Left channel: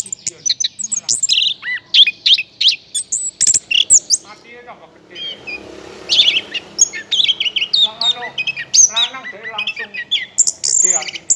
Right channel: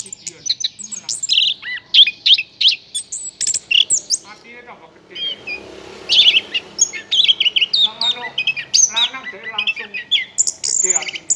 Pikiran, malah hatinya tambah gede. Lang lanang jadi langsung gede hatinya.